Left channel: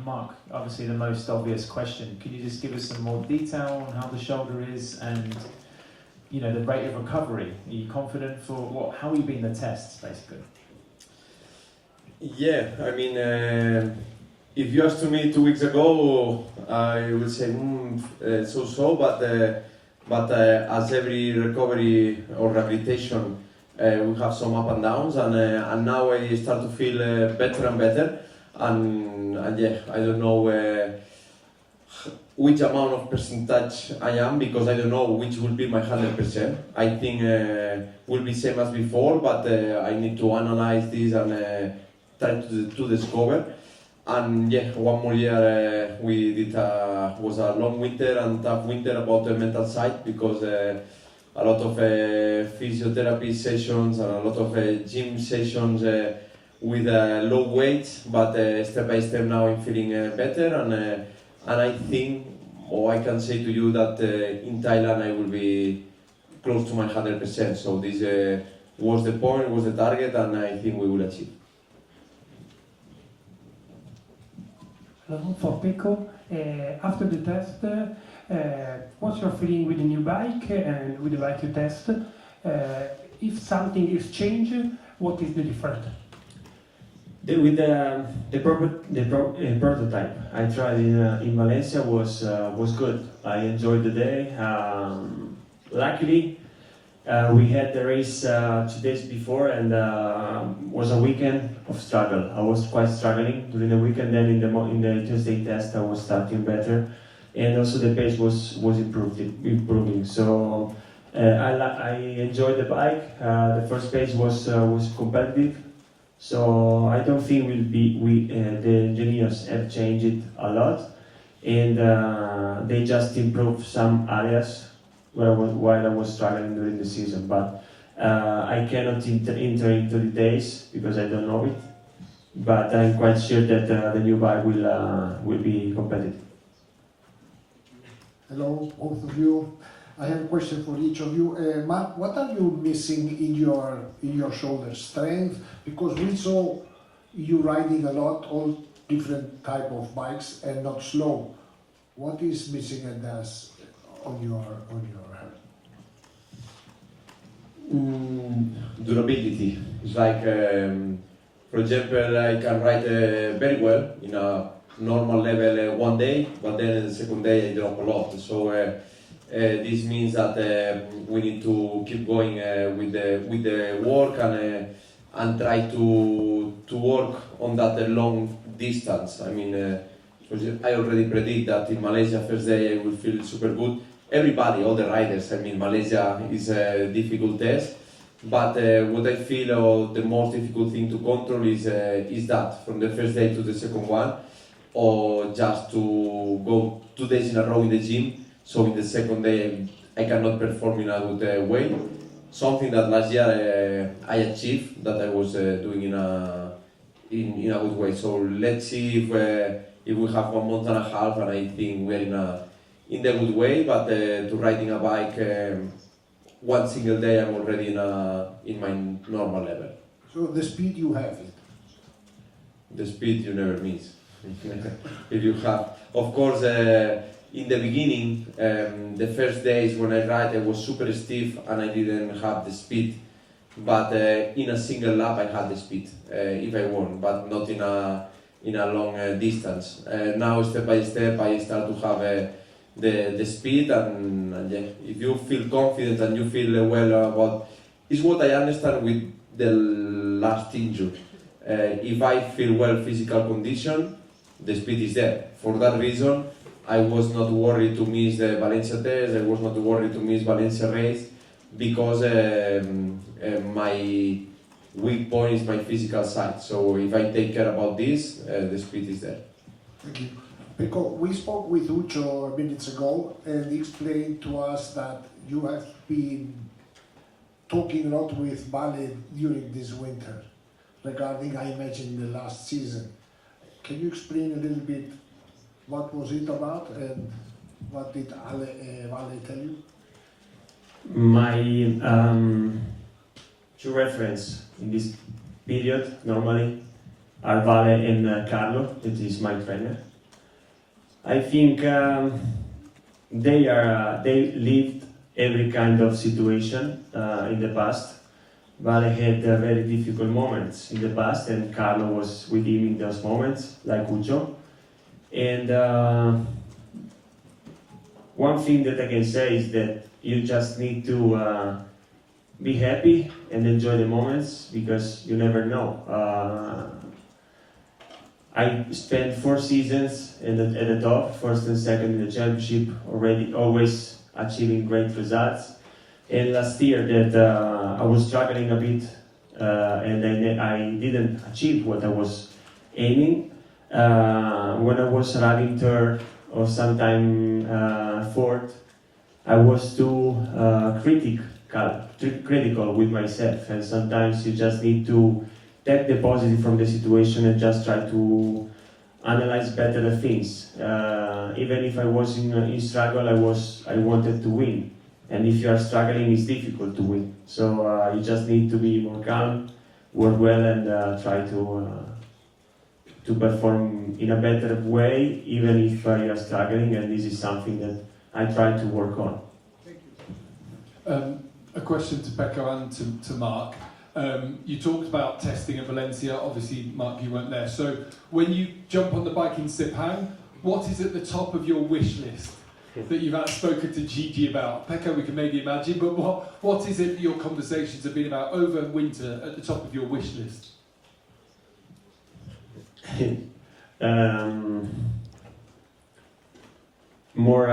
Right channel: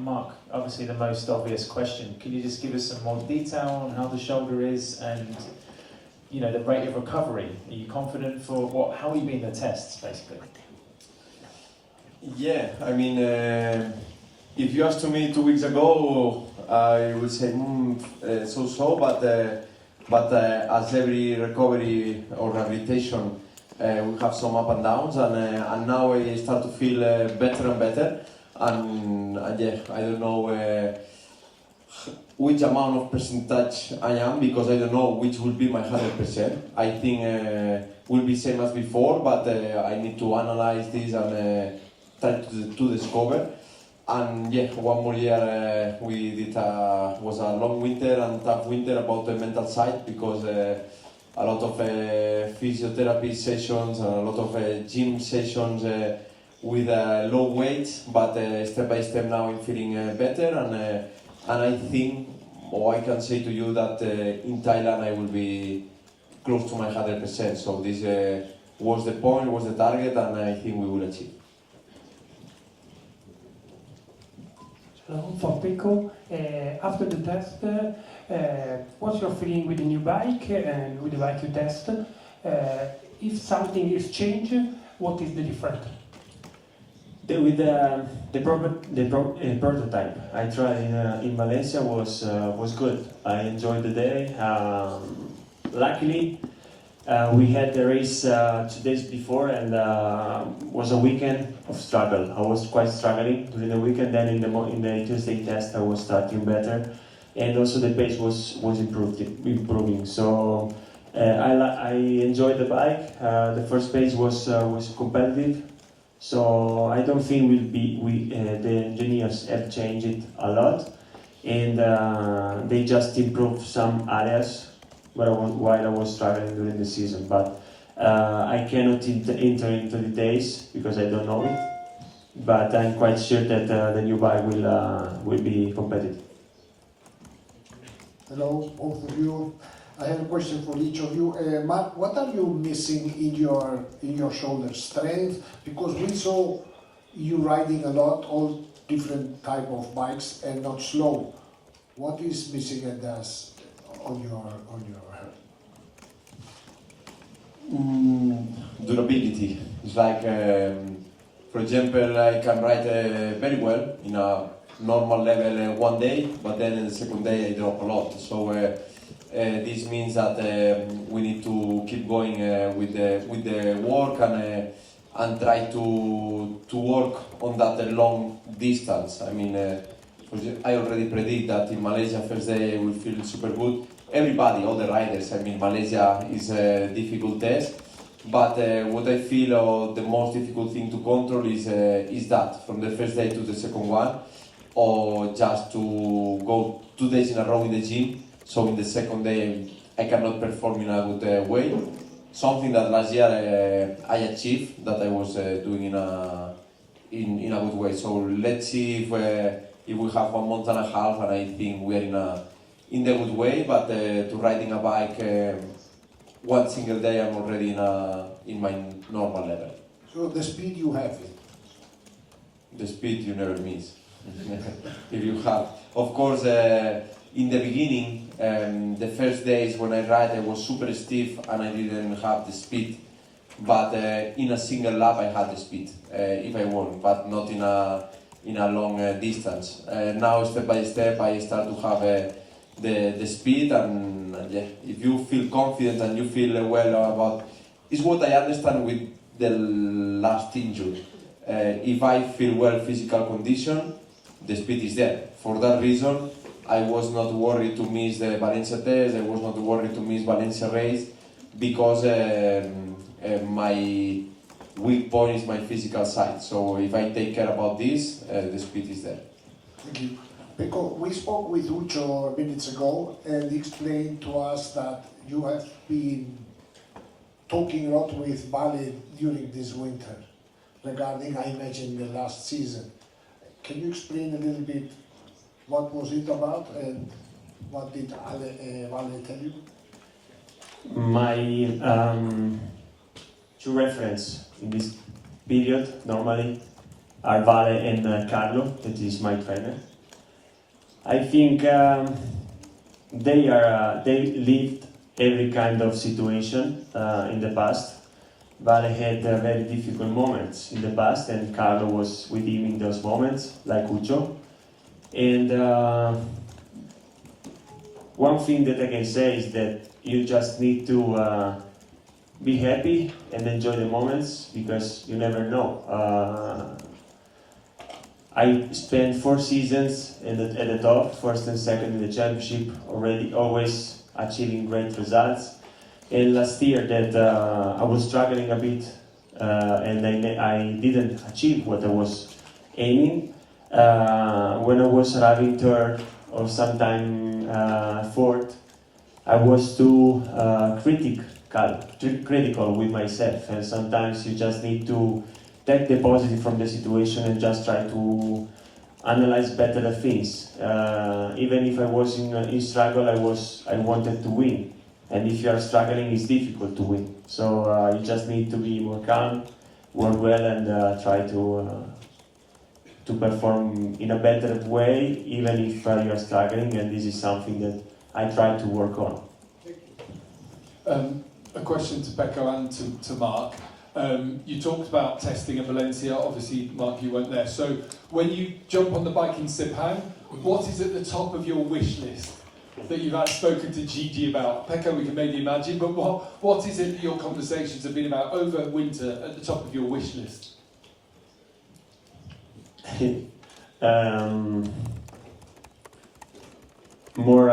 Mark, obviously the most obvious question. Could you just give us some more detail on how the shoulder is and the rate of recovery? Are you confident for what? How are you being the tests basically? Yeah, I mean, if you asked me 2 weeks ago, I would say so-so, but as every recovery or rehabilitation, we have some up and downs, and now I start to feel better and better, and yeah, I don't know which amount of percentage I am, because I don't know which will be my 100%. I think will be same as before, but I need to analyze this and try to discover. And yeah, one more year we did was a long winter and tough winter about the mental side, because a lot of physiotherapy sessions and a lot of gym sessions with low weights, but step by step now I'm feeling better, and I think, or I can say to you that in Thailand I will be close to my 100%. So this was the point, was the target, and I think we will achieve. Hello, for Pecco. After the test, what's your feeling with the new bike and with the bike you test? If something is changed, what is the difference? With the prototype I tried in Valencia was good. I enjoyed the day. Luckily, we had the race 2 days before, and was a weekend of struggle. I was quite struggling during the weekend. Then in the Tuesday test, I was starting better, and also the pace was improving. So I enjoyed the bike. The first pace was competitive. So I don't think the engineers have changed it a lot, and they just improved some areas while I was struggling during the season. But I cannot enter into details because I don't know it. But I'm quite sure that the new bike will be competitive. Hello, both of you. I have a question for each of you. Mark, what are you missing in your shoulder? Strength? Because we saw you riding a lot, all different type of bikes, and not slow. What is missing at this on your head? Durability. It's like, for example, I can ride very well in a normal level one day, but then in the second day I drop a lot. So this means that we need to keep going with the work and try to work on that long distance. I mean, I already predict that in Malaysia first day we feel super good. Everybody, all the riders. I mean, Malaysia is a difficult test, but what I feel the most difficult thing to control is that from the first day to the second one, or just to go 2 days in a row in the gym. So in the second day I cannot perform in a good way. Something that last year I achieved, that I was doing in a good way. So let's see if we have 1 month and a half, and I think we are in the good way. But to riding a bike one single day, I'm already in my normal level. So the speed you have? The speed you never miss. If you have, of course, in the beginning, the first days when I ride, I was super stiff and I didn't have the speed. But in a single lap, I had the speed if I want, but not in a long distance. Now, step by step, I start to have the speed, and yeah, if you feel confident and you feel well about, it's what I understand with the last injury. If I feel well physical condition, the speed is there. For that reason, I was not worried to miss the Valencia test, I was not worried to miss Valencia race, because my weak point is my physical side. So if I take care about this, the speed is there. Thank you. Pecco, we spoke with Ucho minutes ago, and he explained to us that you have been talking a lot with Vale during this winter regarding, I imagine, the last season. Can you explain a little bit what was it about and what did Vale tell you? My to reference in this period, normally are Vale and Carlo, that is my trainer. I think they lived every kind of situation in the past. Vale had very difficult moments in the past, and Carlo was with him in those moments, like Ucho. And one thing that I can say is that you just need to be happy and enjoy the moments, because you never know. I spent 4 seasons at the top, first and second in the championship, always achieving great results. And last year that I was struggling a bit, and I didn't achieve what I was aiming. When I was arriving third or sometime fourth, I was too critical with myself, and sometimes you just need to take the positive from the situation and just try to analyze better the things. Even if I was in struggle, I wanted to win. And if you are struggling, it's difficult to win. So you just need to be more calm, work well, and try to perform in a better way, even if you are struggling. And this is something that I try to work on. A question to Pecco and to Mark. You talked about testing at Valencia. Obviously, Mark, you weren't there. So when you jump on the bike in Sepang, what is at the top of your wish list that you've spoken to Gigi about? Pecco, we can maybe imagine, but what is it that your conversations have been about over winter at the top of your wish list? More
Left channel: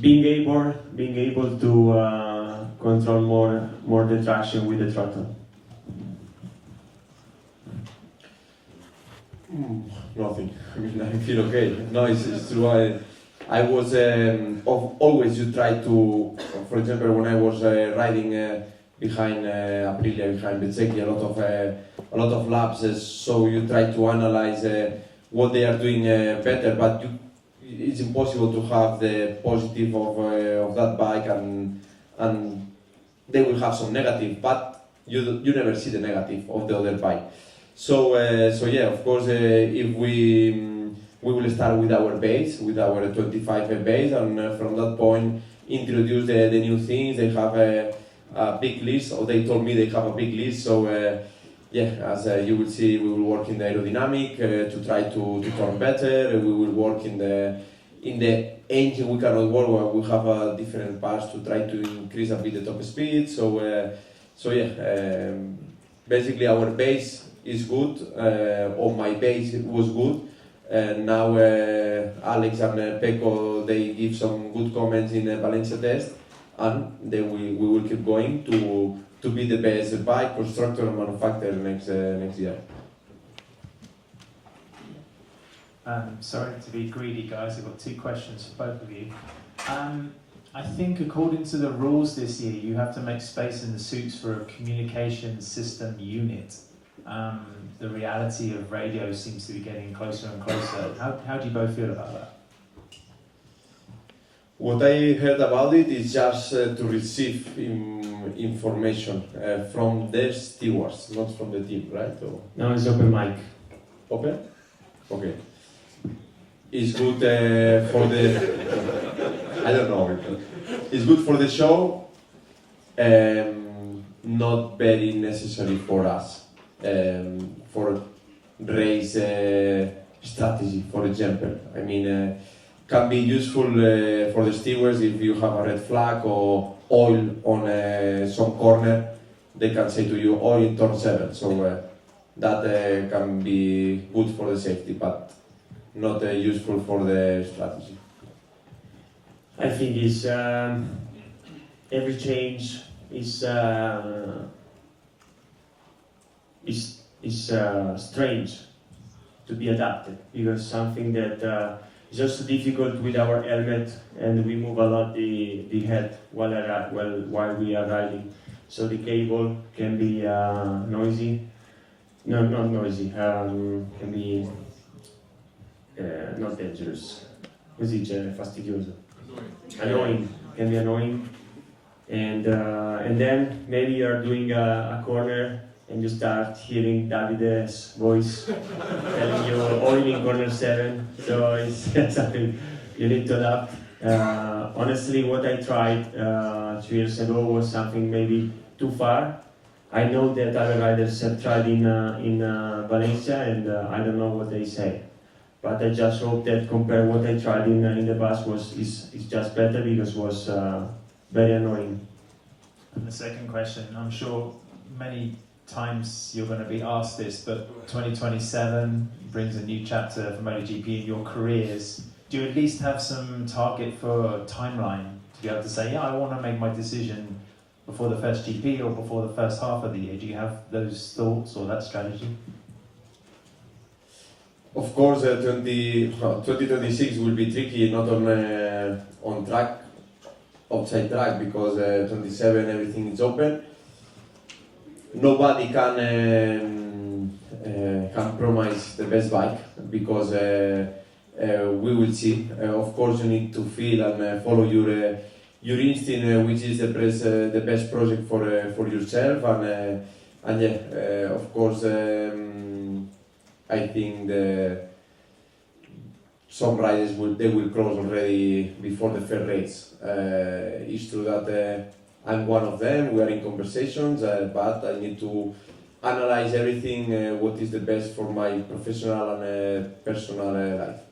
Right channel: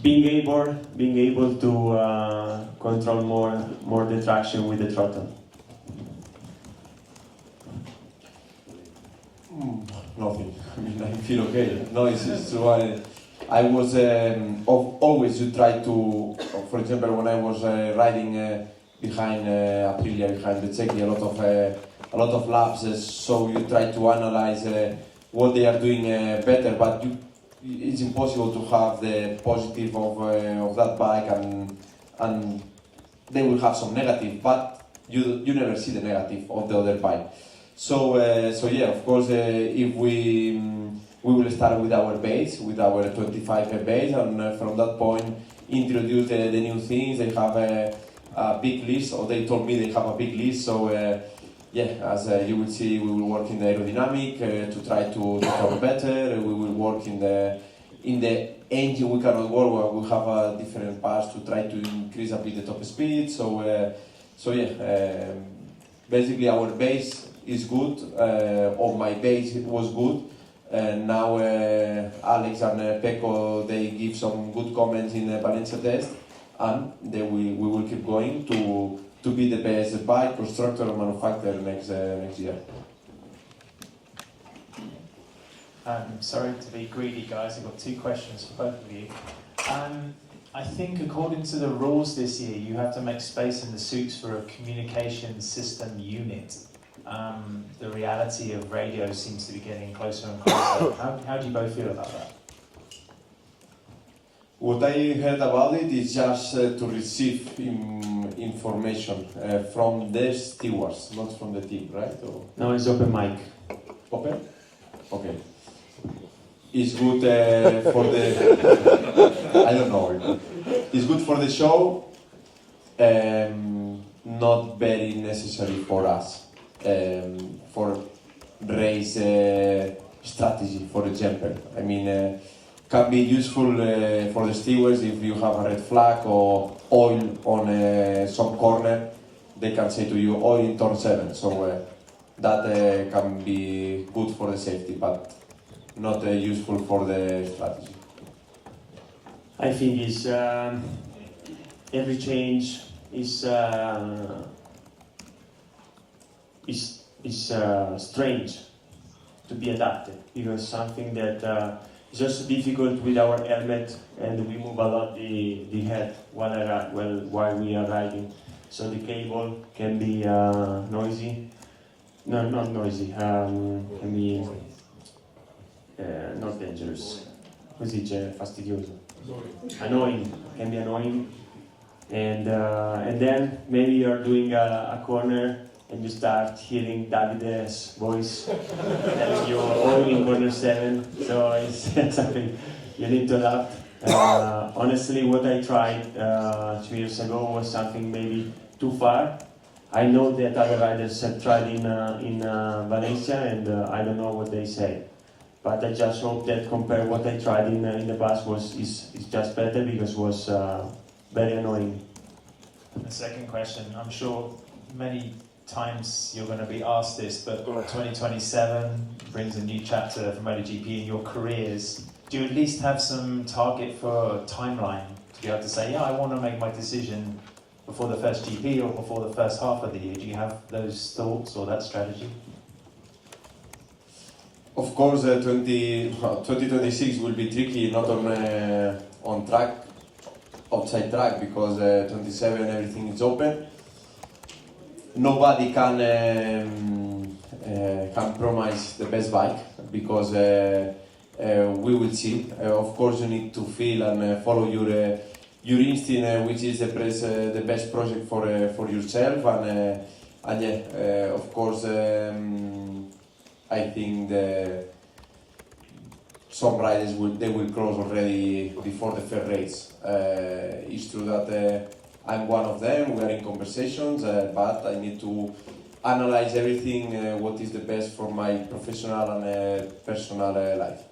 being able to control more the traction with the throttle. Nothing. I mean, I feel okay. No, it's true. I was always you try to, for example, when I was riding behind Aprilia, behind the Czechia, a lot of laps. So you try to analyze what they are doing better, but it's impossible to have the positive of that bike, and they will have some negative, but you never see the negative of the other bike. So yeah, of course, if we will start with our base, with our 25 base, and from that point introduce the new things. They have a big list, or they told me they have a big list. So yeah, as you will see, we will work in the aerodynamic to try to come better. We will work in the engine. We cannot work. We have different parts to try to increase a bit the top speed. So yeah, basically our base is good. On my base it was good. And now Alex and Pecco, they give some good comments in the Valencia test, and then we will keep going to be the best bike constructor and manufacturer next year. Sorry to be greedy, guys. I've got 2 questions for both of you. I think according to the rules this year, you have to make space in the suits for a communication system unit. The reality of radio seems to be getting closer and closer. How do you both feel about that? What I heard about it is just to receive information from the stewards, not from the team, right? So, Now it's open mic. open? Okay. It's good for the... I don't know. It's good for the show, not very necessary for us. For race strategy, for example. I mean, can be useful for the stewards if you have a red flag or oil on some corner. They can say to you, oil in turn 7. So that can be good for the safety, but not useful for the strategy. I think it's every change is strange to be adapted, because something that is also difficult with our helmet, and we move a lot the head while we are riding. So the cable can be noisy. No, not noisy. Can be not dangerous. Così dice fastidioso. Annoying. Can be annoying. And then maybe you are doing a corner and you start hearing Davide's voice that you only in corner 7, so it's something you need to adapt. Honestly, what I tried 2 years ago was something maybe too far. I know that other riders have tried in Valencia, and I don't know what they say. But I just hope that compared what I tried in the past is just better, because it was very annoying. And the second question, I'm sure many times you're going to be asked this, but 2027 brings a new chapter for MotoGP in your careers. Do you at least have some target for a timeline to be able to say, yeah, I want to make my decision before the first GP or before the first half of the year? Do you have those thoughts or that strategy? Of course, 2026 will be tricky, not on track, outside track, because 27 everything is open. Nobody can promise the best bike, because we will see. Of course, you need to feel and follow your instinct, which is the best project for yourself, and yeah, of course. I think some riders will cross already before the first race. It's true that I'm one of them. We are in conversations, but I need to analyze everything. What is the best for my professional and personal life?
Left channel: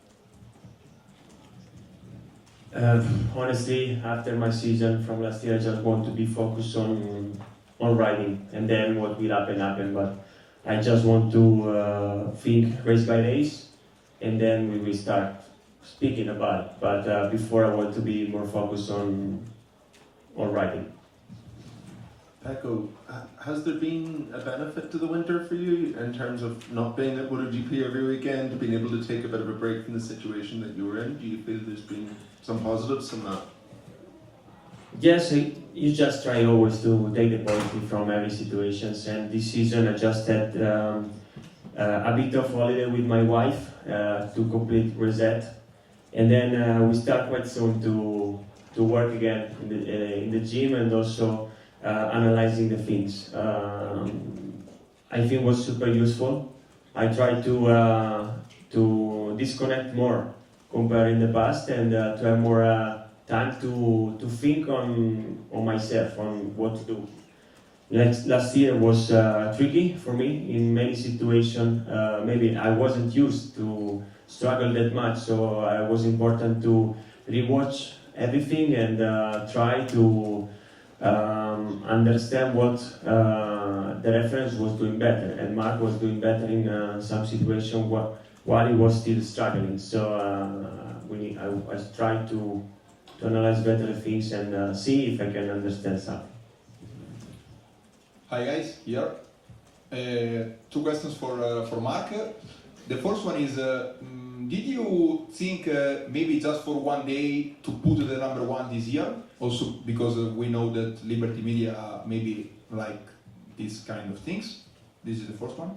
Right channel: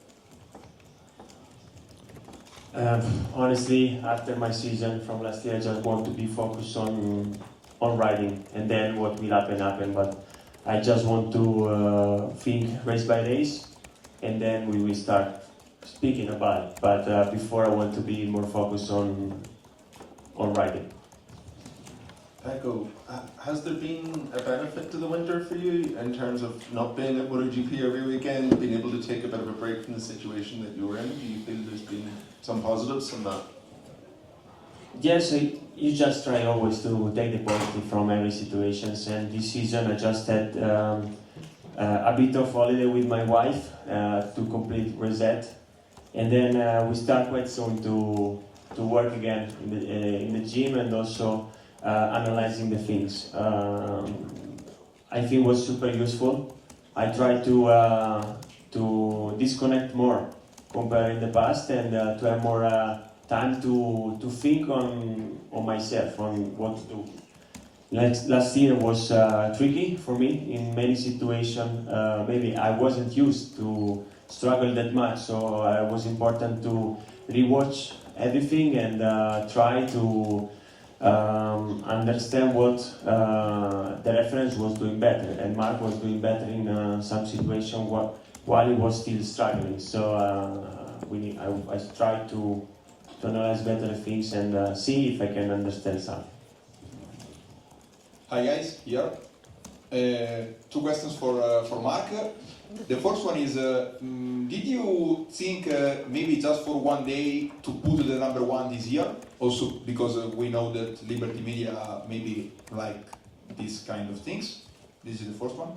Honestly, after my season from last year, I just want to be focused on riding, and then what will happen. But I just want to think race by race, and then we will start speaking about it. But before, I want to be more focused on riding. Pecco, has there been a benefit to the winter for you in terms of not being at MotoGP every weekend, being able to take a bit of a break from the situation that you were in? Do you feel there's been some positives in that? Yes, you just try always to take the positive from every situation. And this season, I just had a bit of holiday with my wife to complete reset, and then we start quite soon to work again in the gym, and also analyzing the things. I think it was super useful. I tried to disconnect more compared in the past, and to have more time to think on myself, on what to do. Last year was tricky for me in many situations. Maybe I wasn't used to struggle that much, so it was important to rewatch everything and try to understand what the reference was doing better, and Mark was doing better in some situation while he was still struggling. So I tried to analyze better things and see if I can understand something. Hi guys, here. Two questions for Mark. The first one is, did you think maybe just for one day to put the number one this year? Also because we know that Liberty Media maybe like these kind of things. This is the first one.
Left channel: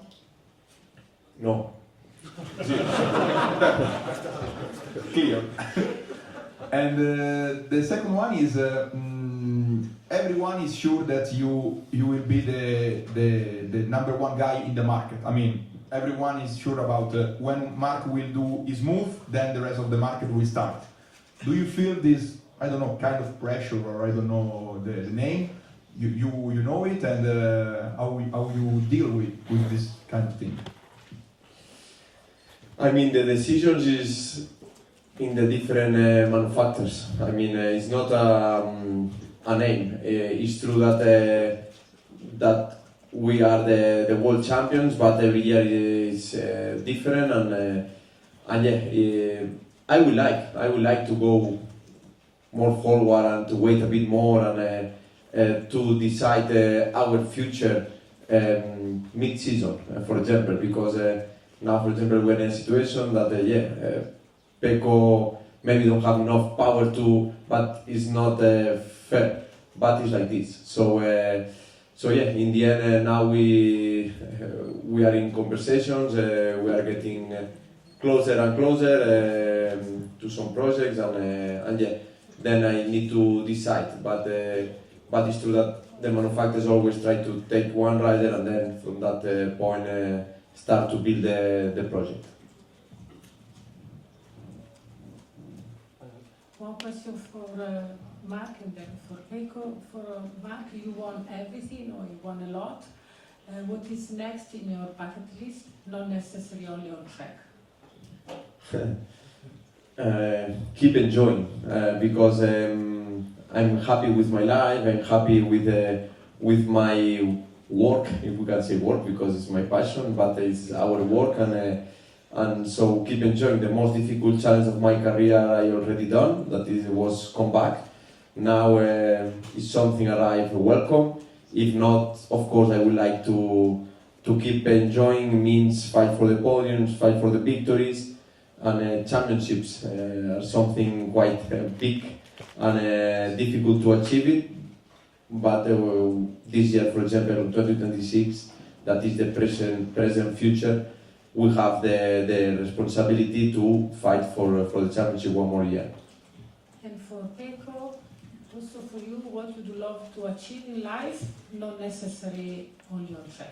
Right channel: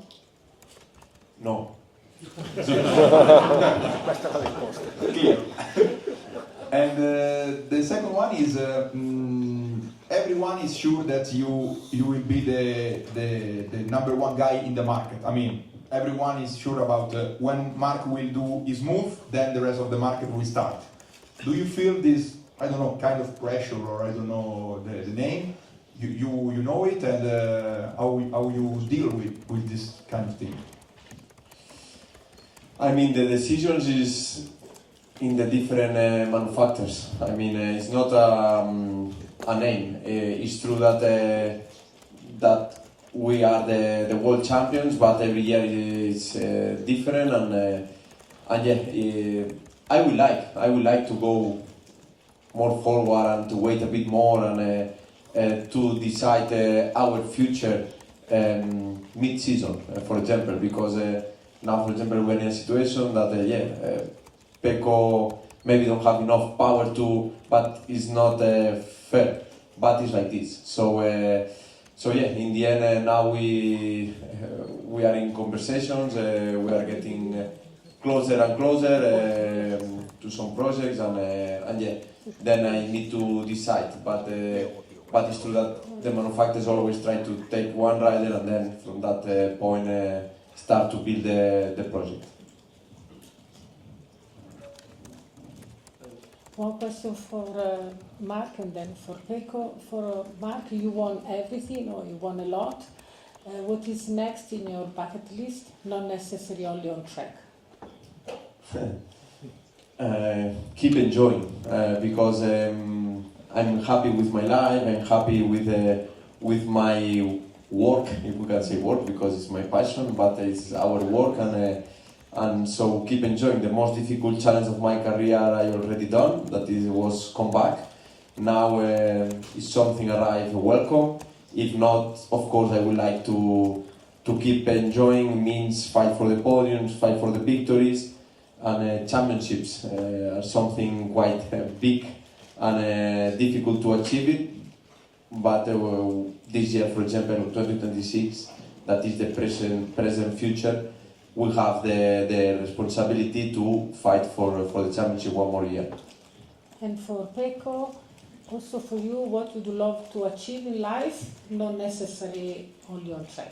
No. Clear. And the second one is, everyone is sure that you will be the number one guy in the market. I mean, everyone is sure about when Mark will do his move, then the rest of the market will start. Do you feel this, I don't know, kind of pressure, or I don't know the name? You know it, and how you deal with this kind of thing? I mean, the decisions is in the different manufacturers. I mean, it's not a name. It's true that that we are the world champions, but every year is different, and yeah, I would like to go more forward and to wait a bit more and to decide our future mid-season, for example, because now, for example, we're in a situation that Pecco maybe don't have enough power to, but it's not fair. But it's like this. So yeah, in the end, now we are in conversations. We are getting closer and closer to some projects, and yeah, then I need to decide. But but it's true that the manufacturers always try to take one rider and then from that point start to build the project. One question for Mark and then for Pecco. For Mark, you won everything or you won a lot. What is next in your bucket list? Not necessarily only on track. Keep enjoying because I'm happy with my life. I'm happy with my work, if we can say work, because it's my passion, but it's our work, and so keep enjoying. The most difficult challenge of my career I already done. That was come back. Now it's something that I welcome. If not, of course, I would like to keep enjoying. Means fight for the podiums, fight for the victories. And championships are something quite big and difficult to achieve it. But this year, for example, 2026, that is the present future, we have the responsibility to fight for the championship one more year. And for Pecco, also for you, what would you love to achieve in life, not necessarily only on track?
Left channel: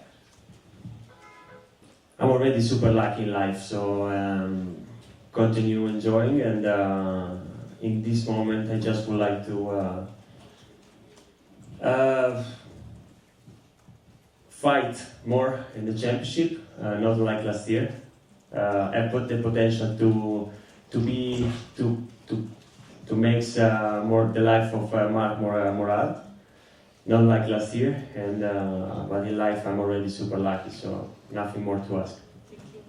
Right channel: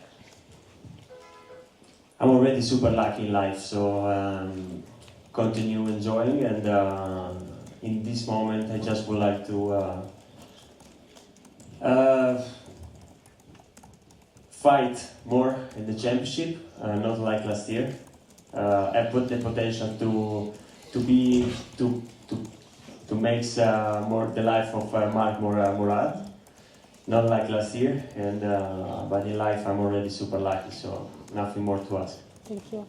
I'm already super lucky in life, so continue enjoying, and in this moment I just would like to fight more in the championship, not like last year. I put the potential to make more the life of Mark more hard, not like last year, and but in life I'm already super lucky, so nothing more to ask. Thank you.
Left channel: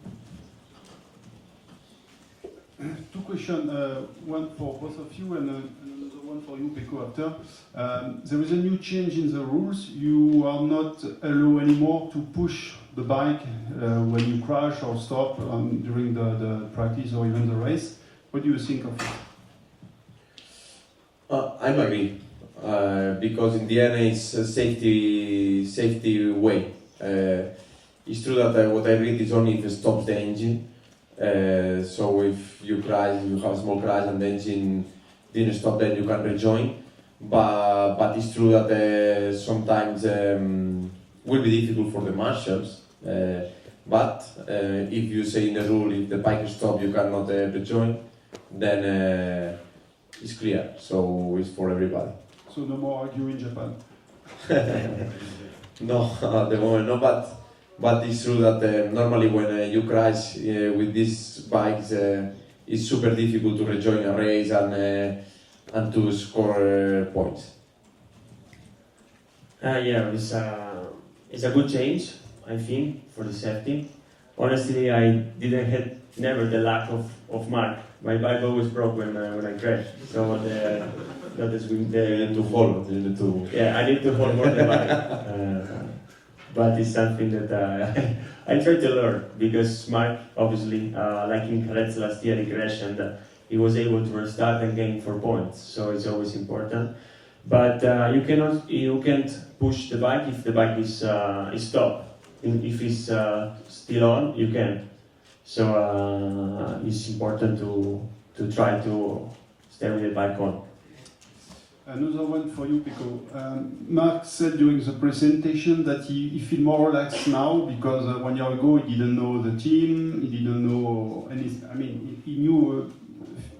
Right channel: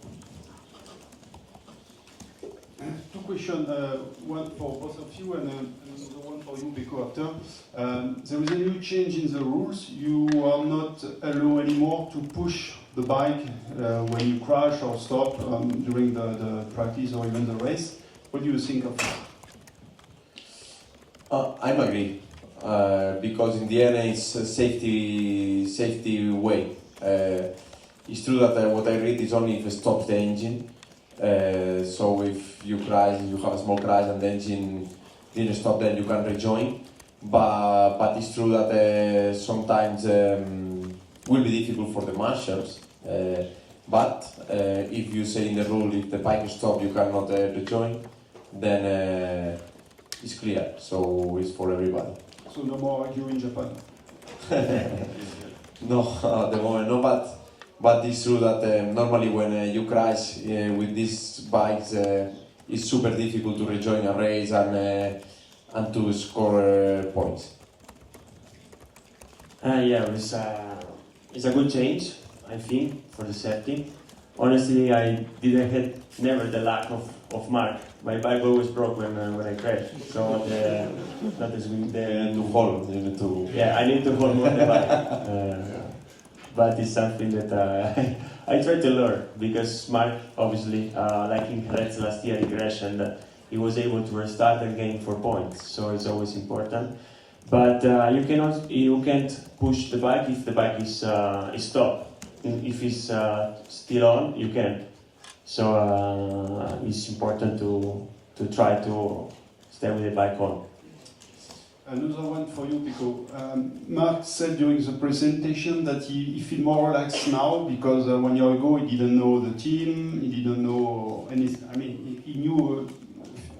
Two questions, one for both of you and another one for you, Pecco, after. There is a new change in the rules. You are not allowed anymore to push the bike when you crash or stop during the practice or even the race. What do you think of it? I agree, because in the end it's a safety way. It's true that what I read is only if it stops the engine. So if you crash, you have a small crash and the engine didn't stop, then you can rejoin. But it's true that sometimes will be difficult for the marshals. But if you say in the rule, if the bike stops, you cannot rejoin, then it's clear. So it's for everybody. So no more argue in Japan. No, at the moment no, but it's true that normally when you crash with these bikes, it's super difficult to rejoin a race and to score points. Yeah, it's a good change, I think, for the safety. Honestly, I didn't have never the lack of Mark. My bike always broke when I crashed. So that is with You need to hold. You need to. yeah, I need to hold more the bike. But it's something that I try to learn, because Mark, obviously, like in Jerez last year, he crashed and he was able to restart and gain 4 points. So it's always important. But you can't push the bike if the bike is stopped. If it's still on, you can't. So it's important to try to stay with the bike on. Another one for you, Pecco. Mark said during the presentation that he feels more relaxed now because 1 year ago he didn't know the team, he didn't know anything. I mean, he knew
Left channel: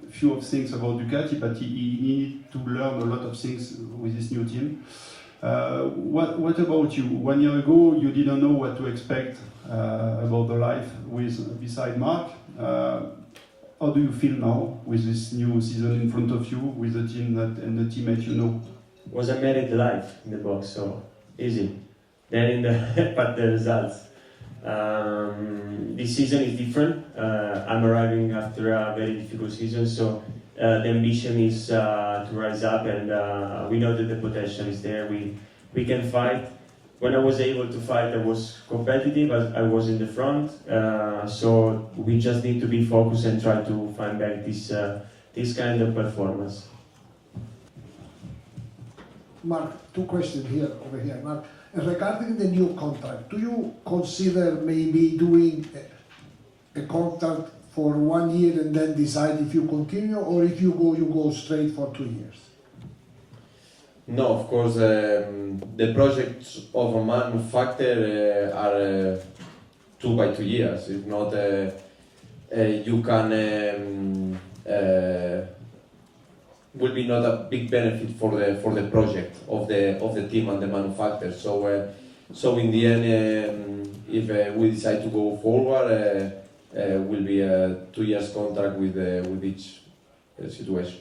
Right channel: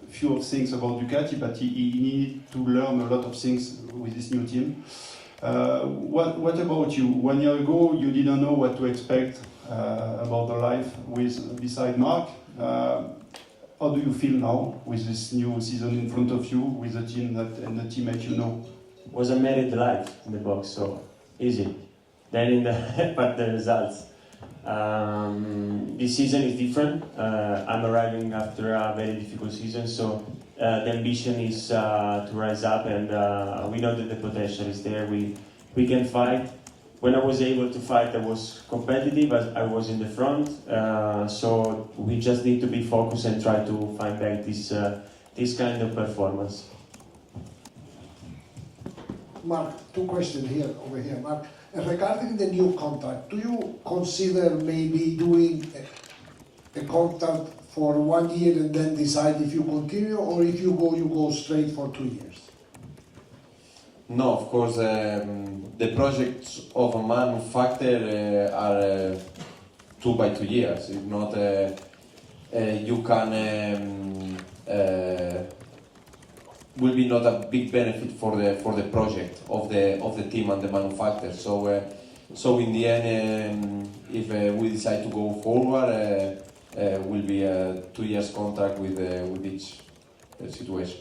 a few of things about Ducati, but he needed to learn a lot of things with this new team. What about you? 1 year ago you didn't know what to expect about the life beside Mark. How do you feel now with this new season in front of you, with the team and the teammate you know? Was I married live in the box, so easy. Then in the but the results. This season is different. I'm arriving after a very difficult season, so the ambition is to rise up, and we know that the potential is there. We can fight. When I was able to fight, I was competitive. I was in the front, so we just need to be focused and try to find back this kind of performance. Mark, two questions over here, Mark. Regarding the new contract, do you consider maybe doing a contract for 1 year and then decide if you continue, or if you go straight for 2 years? No, of course, the projects of a manufacturer are 2 by 2 years. It's not you can will be not a big benefit for the project of the team and the manufacturer. So in the end, if we decide to go forward, will be a 2 years contract with each situation.